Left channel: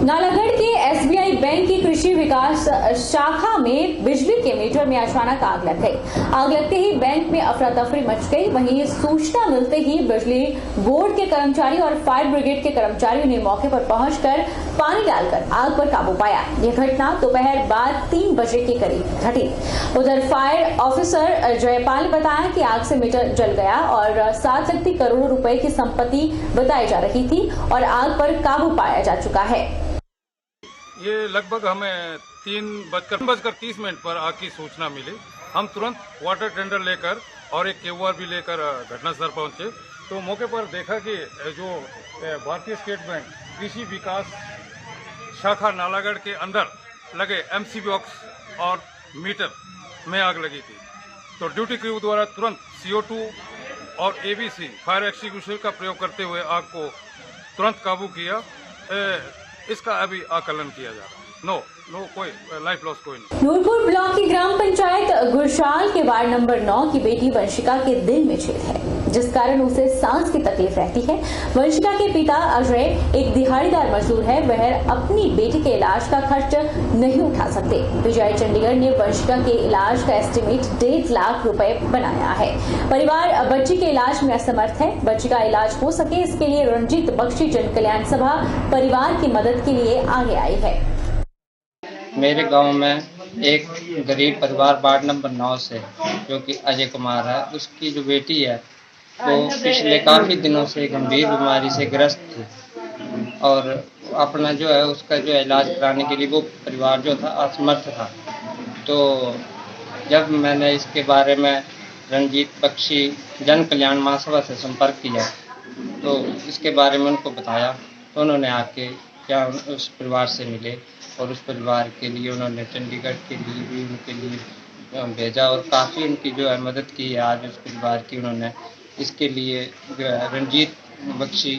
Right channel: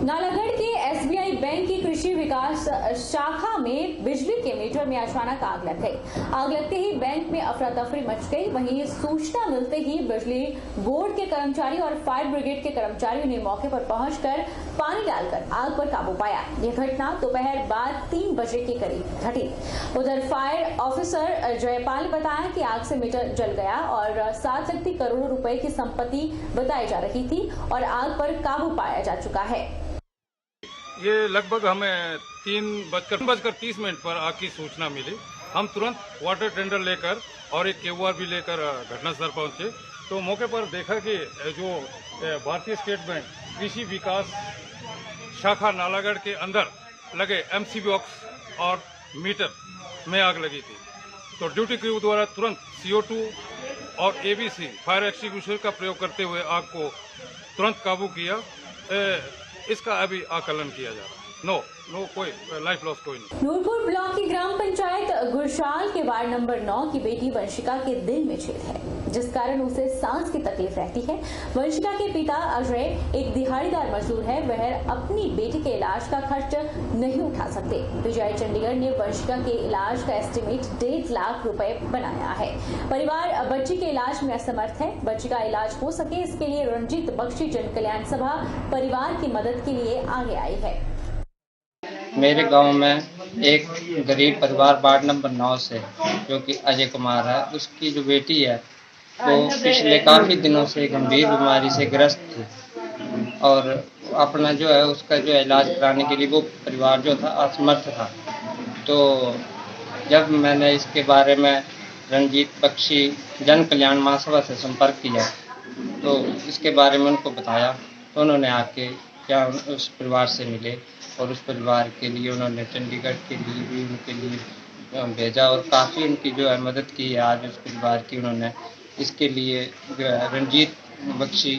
नालागढ़ के SBI bank की कृषि विकास शाखा में बिजली के मीटर में अचानक आग लग गई। आग लगते ही बैंक में अफरा तफरी मच गई। वहीं सूचना मिलते ही बिजली बोर्ड के कर्मचारी और फायर ब्रिगेड के कर्मचारियों ने मौके पर पहुंचकर पानी डालकर आग पर काबू पाया। यह घटना दोपहर बाद 3 बजे के करीब घटी। उधर फायर ऑफिसर जयपाल ने बताया कि आग से मीटर जल गया और 7 करोड़ रुपए की संपत्ति बताई जा रही थी और आग पर काबू पाया जा चुका है। ये लगभग हमें 3:30 पर आग की सूचना मिली। हम तुरंत वाटर टेंडर लेकर और एक केओआर भी लेकर घटनास्थल पहुंचे तो मौके पर देखा कि जो भारतीय स्टेट बैंक कृषि विकास शाखा नालागढ़ के अंदर लगे एमसी बॉक्स और मीटर में आग लगी थी। तो ड्यूटी क्रू द्वारा तुरंत CO2 और ABC फायर एक्सटिंग्विशर का प्रयोग करते हुए आग को तुरंत काबू किया। इसका अभी आकलन किया जा रहा है। कोई लाइफ लॉस कोई नहीं। नूरपुर ब्लॉक की ग्राम पंचायत गुरशाल के वार्ड नंबर 9 की बेटी वंशिका के दिल में छेद है, जिस कारण उसे सांस की तकलीफ रहती है। वंशिका के पिता अजय एक दिहाड़ीदार मजदूर है। वह अपनी बेटी के इलाज का खर्च नहीं उठा सकते। विजय चंडीगढ़ ने वंशिका के इलाज का एस्टिमेट 1.5 लाख रुपए बनाया है। परिवार बच्ची के इलाज में असमर्थ है। बच्ची का इलाज हो सके इसके लिए रणजीत बख्शी जन कल्याण सभा परिवार की मदद के लिए आगे आई है। मेरे गांव में एक गरीब परिवार वार्ड नंबर 9 से जो कि अजय कुमार है, उसकी जो बेटी है वो पिछले काफ़ी दिनों से गंभीर बीमारी से ग्रस्त थी और अपना जो है उसका जो इलाज कराने के लिए वो परिवार जो था असमर्थ था। तो जब मैंने इसके बारे में रणजीत बख्शी जन कल्याण महासभा से संपर्क किया तो इसके बारे में उनको बताया तो उन्होंने आके क्या उस परिवार से मिले और उस परिवार के लिए उन्होंने चंडीगढ़ के लिए भी उनके लिए भेजा और काफ़ी उनकी जो है मदद की है। आज उस परिवार की उन्होंने इसके लिए जो है रणजीत बख्शी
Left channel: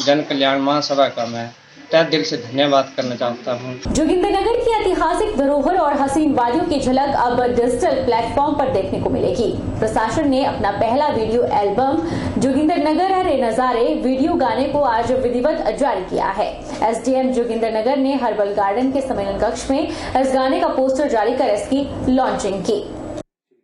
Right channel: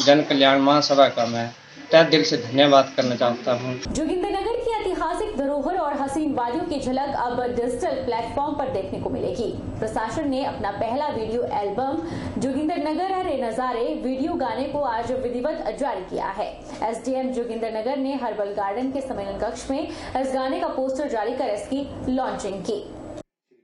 जन कल्याण महासभा का मैं तहे दिल से धन्यवाद करना चाहता हूँ। जोगिंदरनगर की ऐतिहासिक धरोहर और हसीन वादियों की झलक अब डिजिटल प्लेटफॉर्म पर देखने को मिलेगी। प्रशासन ने अपना पहला वीडियो एल्बम जोगिंदरनगर रे नजारे वीडियो गाने को आज विधिवत जारी किया है। SDM जोगिंदरनगर ने हर्बल गार्डन के सम्मेलन कक्ष में इस गाने का पोस्टर जारी कर इसकी लॉन्चिंग की।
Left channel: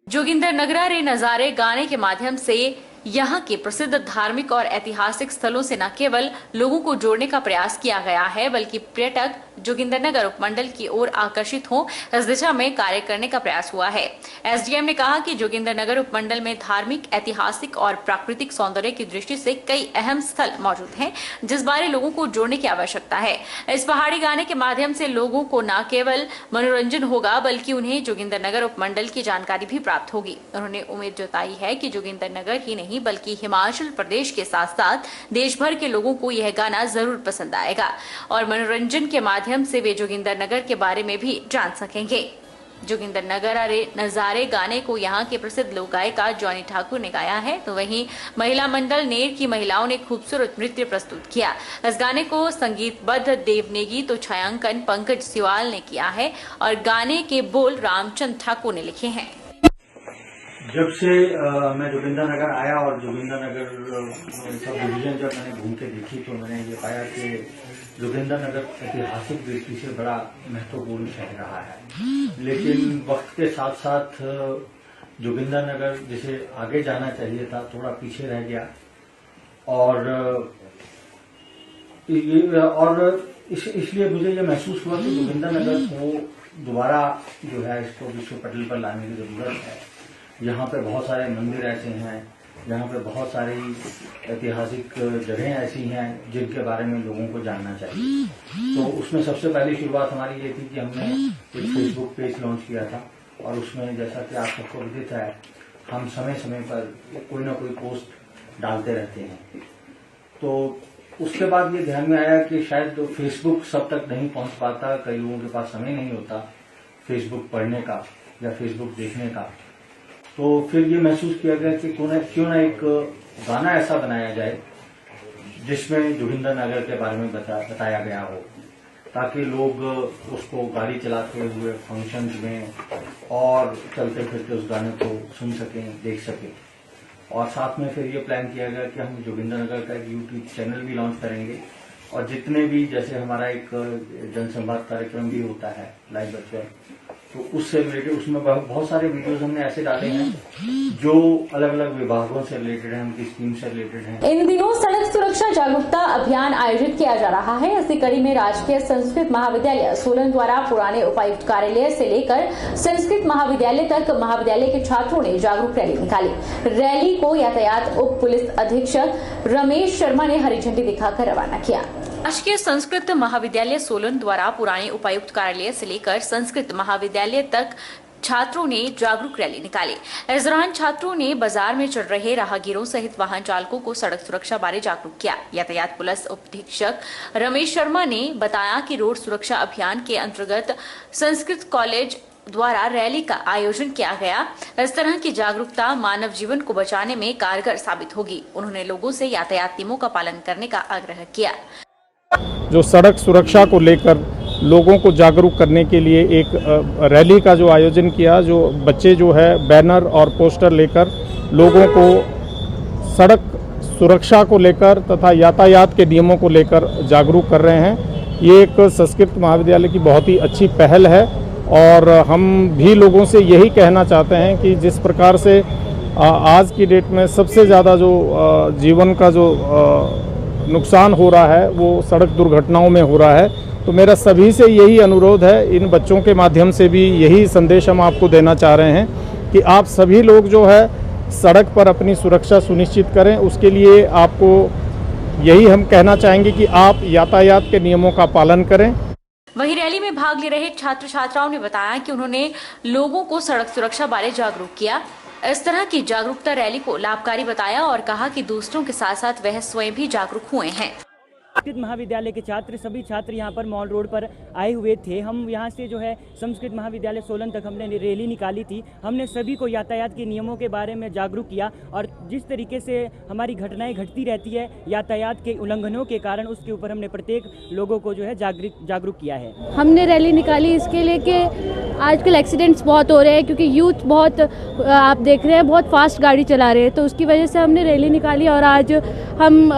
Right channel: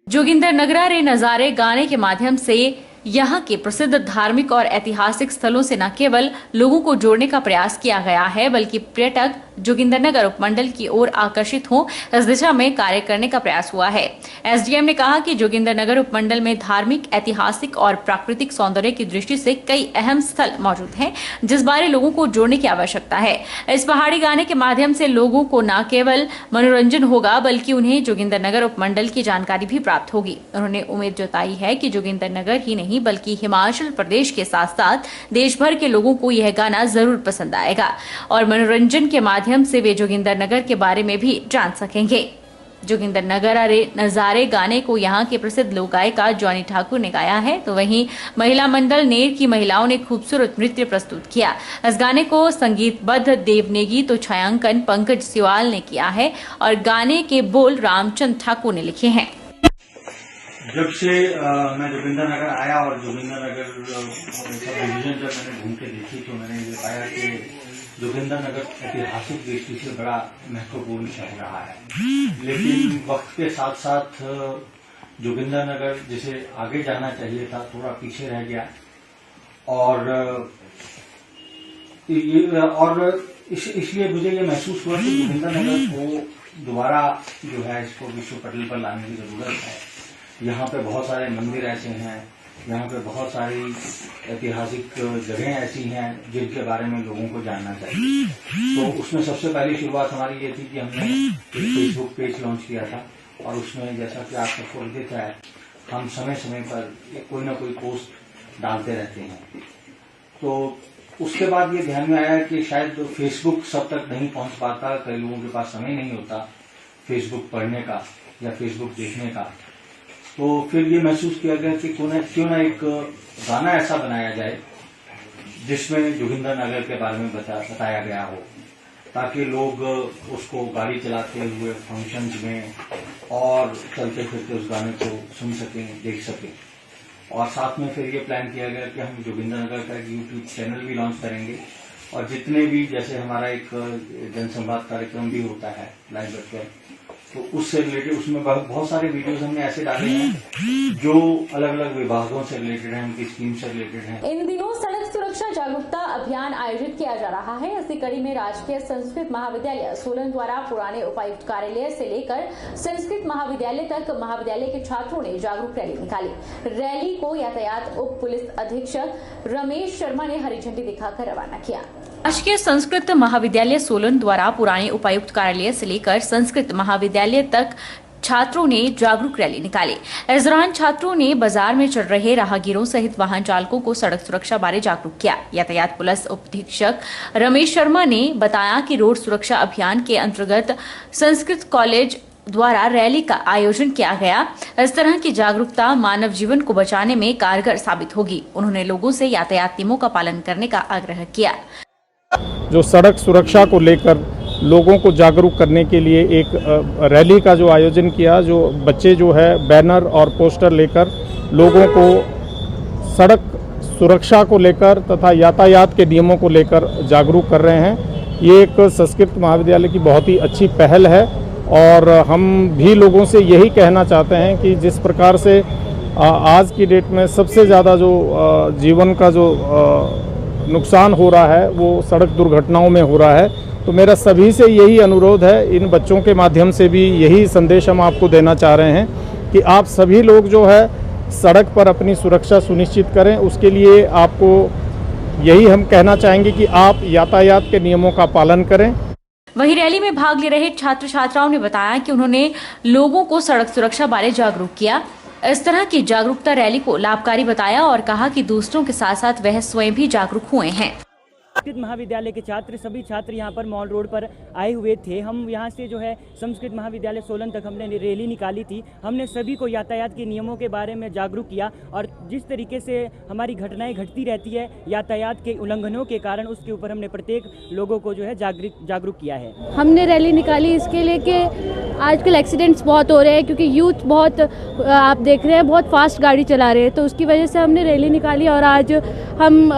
जोगिंदरनगरा रे नजारे गाने के माध्यम से यहाँ के प्रसिद्ध धार्मिक और ऐतिहासिक स्थलों से न केवल लोगों को जोड़ने का प्रयास किया गया है बल्कि पर्यटक जोगिंदरनगर उपमंडल की ओर आकर्षित हों, इस दिशा में कार्य करने का प्रयास हुआ है। SDM ने कहा कि जोगिंदरनगर उपमंडल में धार्मिक, ऐतिहासिक और प्राकृतिक सौंदर्य की दृष्टि से कई अहम स्थल मौजूद हैं, जिस बारे लोगों को जोड़ने की आवश्यकता है। इस पहाड़ी गाने के माध्यम से लोगों को न केवल मनोरंजन होगा बल्कि उन्हें जोगिंदरनगर उपमंडल की जानकारी भी प्राप्त होगी। उन्होंने उम्मीद जताई है कि जोगिंदरनगर ही नहीं बल्कि हिमाचल प्रदेश के साथ साथ देश भर के लोगों को यह गाना जरूर पसंद आएगा और मनोरंजन के माध्यम से वे जोगिंदरनगर के बारे में भी जान सकेंगे। जोगिंदरनगर रे नजारे गाने को यहाँ के प्रसिद्ध लोक गायिका जॉनी ठाकुर ने गाया है, तो वहीं महिला मंडल नेर की महिलाओं ने खूबसूरत नृत्य प्रस्तुत किया। इस गाने को संगीतबद्ध देवनेगी तो छायांकन पंकज सिवाल ने किया है और गाने के बोल रामचंद्र ठाकुर ने लिखे हैं। जब से मैं जोगिंदरनगर आया और जोगिंदरनगर सब डिवीजन जब मैंने घूम के देखी तो मैंने ये पाया कि जोगिंदरनगर ऐतिहासिक दृष्टि से बड़ा महत्वपूर्ण शहर रहा है, लेकिन वक्त के साथ साथ जोगिंदरनगर जिसे आगे जाना चाहिए था थोड़ा पीछे रह गया और इसलिए मुझे ये महसूस हुआ कि जोगिंदरनगर को दोबारा जो है इसको विश्व पटल पर लाने की जरूरत है। यहाँ पे बहुत सारे मंदिर ऐसे हैं, यहाँ पे बहुत सारी ऐतिहासिक जगहें ऐसी हैं जिनके बारे में लोगों को जानना चाहिए। तो उसमें सबसे पहली शुरुआत हमारी ये थी कि हमने एक फेसबुक पेज लॉन्च किया था और उसमें जैसा कि आप सबको विदित है हम समय समय पर कोई ना कोई पोस्ट डालते रहते हैं। तो उसके बाद ये ध्यान में आया कि शायद फेसबुक सब तक नहीं पहुँच पाता, कई लोगों के पास समय नहीं होता फेसबुक पढ़ने का या फेसबुक देखने का। तो फिर ये महसूस किया गया कि क्यों ना एक गाना ऐसा बनाया जाए जिसमें जोगिंदरनगर के बारे में बताया गया हो, ताकि लोग उसको गाड़ी चलाते हुए फंक्शंस में और चलते फिरते उस गाने को सुन सकें, देख सकें। और साथ में फिर ये प्लान किया गया कि हम जोगिंदरनगर का एक YouTube चैनल भी लॉन्च करेंगे और जितने भी जैसे हमारा एक जनसंवाद कार्यक्रम भी होता है लाइव वेबसाइट, तो उससे रिलेटेड उसमें बहुत सारे वीडियोस हमने ऐसे डाले हैं जो अलग अलग विभागों से रिलेटेड हैं, उनकी स्कीम से रिलेटेड हैं। इन दिनों सड़क सुरक्षा जागरूकता अभियान आयोजित किया जा रहा है। इसी कड़ी में राजकीय संस्कृत महाविद्यालय सोलन द्वारा पुराने उपायुक्त कार्यालय से लेकर संस्कृत महाविद्यालय तक महाविद्यालय के छात्रों ने जागरूक रैली निकाली। रैली को यातायात उप पुलिस अधीक्षक रमेश शर्मा ने हरी झंडी दिखाकर रवाना किया। राजकीय संस्कृत महाविद्यालय सोलन द्वारा पुराने उपायुक्त कार्यालय से लेकर संस्कृत महाविद्यालय तक छात्रों ने जागरूक रैली निकाली। इस दौरान छात्रों ने बाजार में चल रहे राहगीरों सहित वाहन चालकों को सड़क सुरक्षा बारे जागरूक किया। यातायात पुलिस उप अधीक्षक रमेश शर्मा ने बताया कि रोड सुरक्षा अभियान के अंतर्गत संस्कृत कॉलेज द्वारा रैली का आयोजन किया गया। इस तरह की जागरूकता मानव जीवन को बचाने में कारगर साबित होगी। उन्होंने लोगों से यातायात नियमों का पालन करने का आग्रह किया। जो सड़क सुरक्षा को लेकर लोगों को जागरूक करने के लिए एक रैली का जो आयोजन किया, जो बच्चे जो है बैनर और पोस्टर लेकर लोगों को सड़क सुरक्षा को लेकर तथा यातायात के नियमों को लेकर जागरूक कर रहे हैं। ये एक संस्कृत महाविद्यालय की बहुत ही अच्छी पहल है और हम भी लोगों से यही कहना चाहते हैं कि जिस प्रकार से आज की डेट में सबसे ज़्यादा जो जीवन का जो नुकसान हो रहा है वो सड़क दुर्घटनाओं में हो रहा है, तो मेरा सभी से यही अनुरोध है, इन बच्चों के माध्यम से भी यही संदेश हम आपको देना चाह रहे हैं कि आप सभी लोग जो है सड़क पर अपनी सुरक्षा सुनिश्चित करें। उसके लिए आपको यही हम कहना चाहेंगे कि आप यातायात के नियमों का पालन करें। वहीं रैली में भाग ले रहे छात्र छात्राओं ने बताया कि उन्होंने लोगों को सड़क सुरक्षा बारे जागरूक किया। इस तरह की जागरूकता रैली को लाभकारी बताया और कहा कि दूसरों के साथ साथ वह स्वयं भी जागरूक हुए हैं। संस्कृत महाविद्यालय के सभी छात्र यहाँ पर मॉल रोड पर आए हुए थे। हम यहाँ से जो है संस्कृत महाविद्यालय सोलन तक हमने रैली निकाली थी। हमने सभी को यातायात के नियमों के बारे में जागरूक किया और जिस तरीके से हमारी घटनाएं घटती रहती है यातायात के उल्लंघनों के कारण, उसके ऊपर हमने प्रत्येक लोगों को जो है जागरूक किया है। हमने रैली निकाली इसके लिए कि आजकल एक्सीडेंट्स बहुत हो रहे हैं, क्योंकि यूथ बहुत आप देख रहे हैं बहुत फास्ट गाड़ी चला रहे हैं, तो उसकी वजह से हमने रैली निकाली और आज हम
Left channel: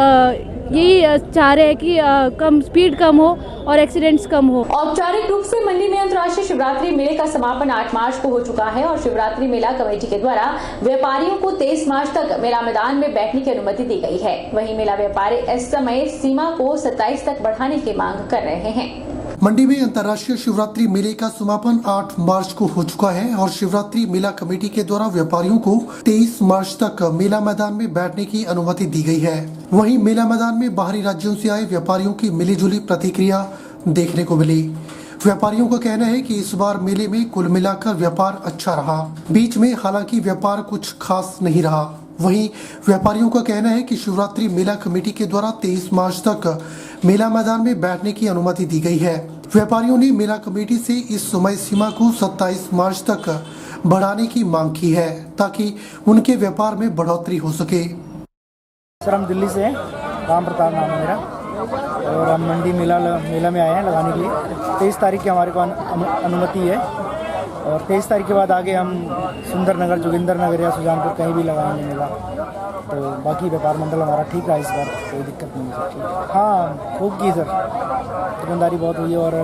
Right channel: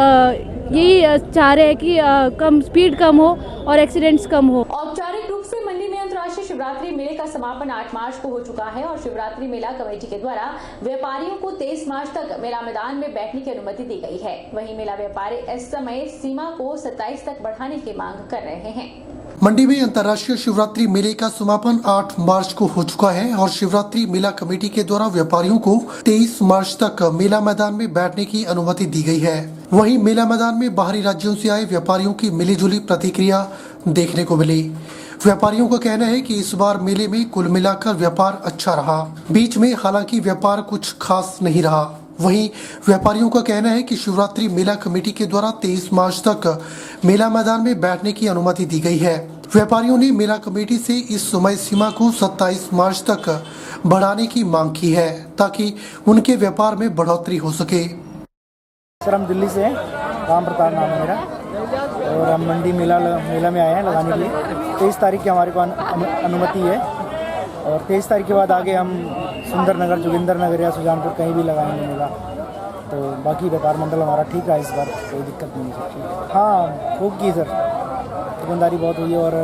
यही चाह रहे हैं कि कम स्पीड कम हो और एक्सीडेंट्स कम हो। औपचारिक रूप से मंडी में अंतर्राष्ट्रीय शिवरात्रि मेले का समापन 8 मार्च को हो चुका है और शिवरात्रि मेला कमेटी के द्वारा व्यापारियों को 23 मार्च तक मेला मैदान में बैठने की अनुमति दी गई है। वहीं मेला व्यापारी इस समय सीमा को 27 तक बढ़ाने की मांग कर रहे हैं। मंडी में अंतर्राष्ट्रीय शिवरात्रि मेले का समापन 8 मार्च को हो चुका है और शिवरात्रि मेला कमेटी के द्वारा व्यापारियों को 23 मार्च तक मेला मैदान में बैठने की अनुमति दी गई है। वहीं मेला मैदान में बाहरी राज्यों से आए व्यापारियों की मिलीजुली प्रतिक्रिया देखने को मिली। व्यापारियों का कहना है कि इस बार मेले में कुल मिलाकर व्यापार अच्छा रहा, बीच में हालांकि व्यापार कुछ खास नहीं रहा। वहीं व्यापारियों का कहना है कि शिवरात्रि मेला कमेटी के द्वारा 23 मार्च तक मेला मैदान में बैठने की अनुमति दी गई है। व्यापारियों ने मेला कमेटी से इस समय सीमा को 27 मार्च तक बढ़ाने की मांग की है ताकि उनके व्यापार में बढ़ोतरी हो सके। सर हम दिल्ली से हैं, राम प्रताप नाम है मेरा और हम मंडी मेला में आए हैं लगाने के लिए। 23 तारीख की हमारे को अनुमति है और 23 तारीख के बाद आगे हम सुंदर नगर, जोगिंदर नगर या सुजानपुर कहीं भी लगाएंगे मेला। तो बाकी व्यापार मंडल हमारा ठीक रहा, इस बार कोई दिक्कत नहीं है सर। हाँ खूब की सर, दुकानदारी बहुत हुई और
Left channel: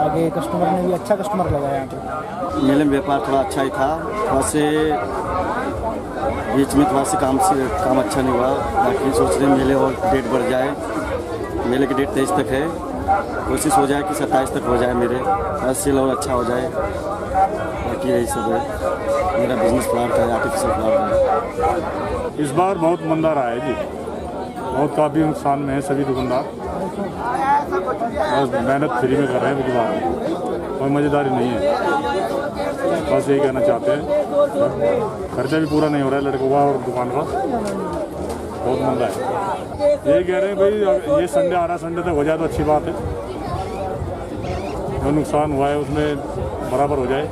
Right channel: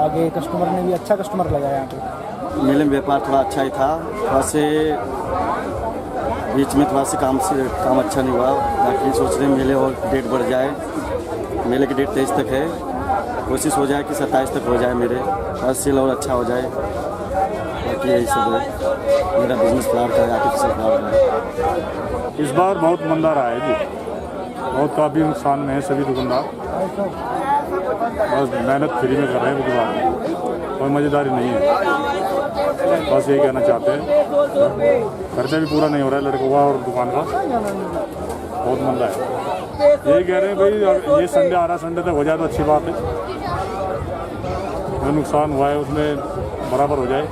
आगे कस्टमर ने भी अच्छा कस्टमर लगाया यहाँ पे। मेले में व्यापार थोड़ा अच्छा ही था, थोड़ा से बीच में थोड़ा से काम अच्छा नहीं हुआ। बाकी सोच रहे मेले और डेट बढ़ जाए, मेले की डेट 23 तक है, कोशिश हो जाए कि 27 तक हो जाए, मेरे सेल और अच्छा हो जाए। बाकी यही सब है, मेरा बिजनेस फ्लावर का है, आर्टिफिशियल फ्लावर का है। इस बार बहुत मंदा रहा है जी, बहुत काफ़ी नुकसान में है सभी दुकानदार, बस मेहनत फ्री में कर रहे हैं दुकान, कोई मज़ेदारी नहीं है। बस यही कहना चाहते हैं, खर्चा भी पूरा नहीं हो रहा है लड़कों का और दुकान का, बहुत मंदा है। यही कह रहे हैं भाई ये संडे आ रहा, संडे तक हो जाए तो अच्छी बात है, जो नुकसान हुआ है उसमें बराबर हो जाए।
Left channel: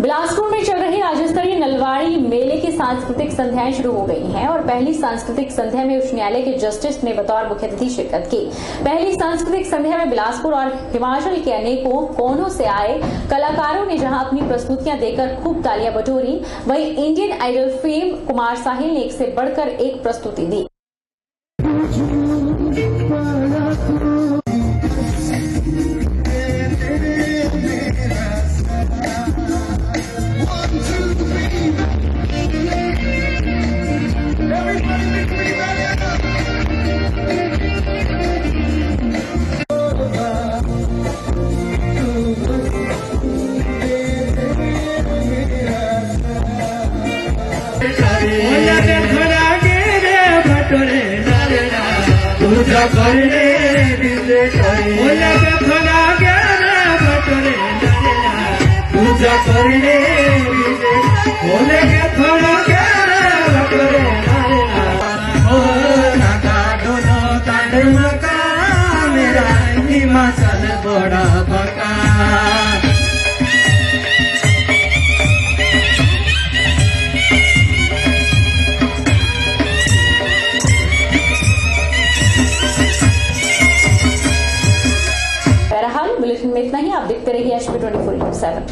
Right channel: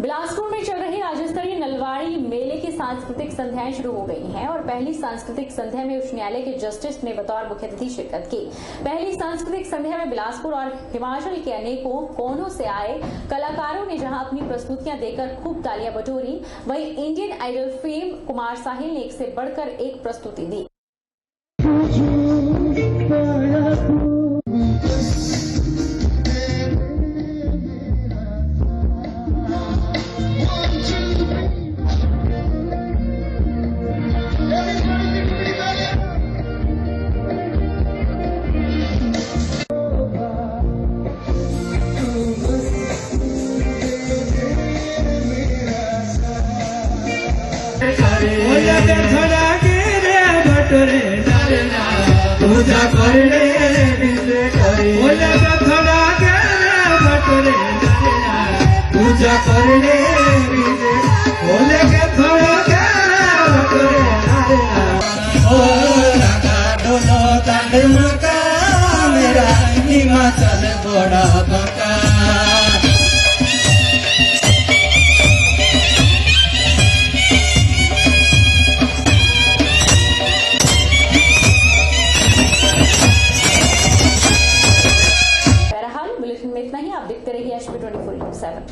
बिलासपुर में चल रही राज्य स्तरीय नलवाड़ी मेले की सांस्कृतिक संध्याएं शुरू हो गई हैं और पहली सांस्कृतिक संध्या में उच्च न्यायालय के जस्टिस ने बतौर मुख्य अतिथि शिरकत की। पहली सांस्कृतिक संध्या में बिलासपुर और हिमाचल के अनेकों कोनों से आए कलाकारों ने जहां अपनी प्रस्तुतियां देकर खूब तालियां बटोरी, वहीं इंडियन आइडल फेम कुमार साहिल ने एक से बढ़कर एक प्रस्तुति दी। पूजा करने विजय करे बोले थोड़ा गया बटरे पूजा करने विजय बोले थोड़ा गया बटरे ओ नाका दोनों कांड मका मेरा हिमाचल बड़ा बका बुलेटिन में इतना ही। आप देखते रहिए HP 24/7।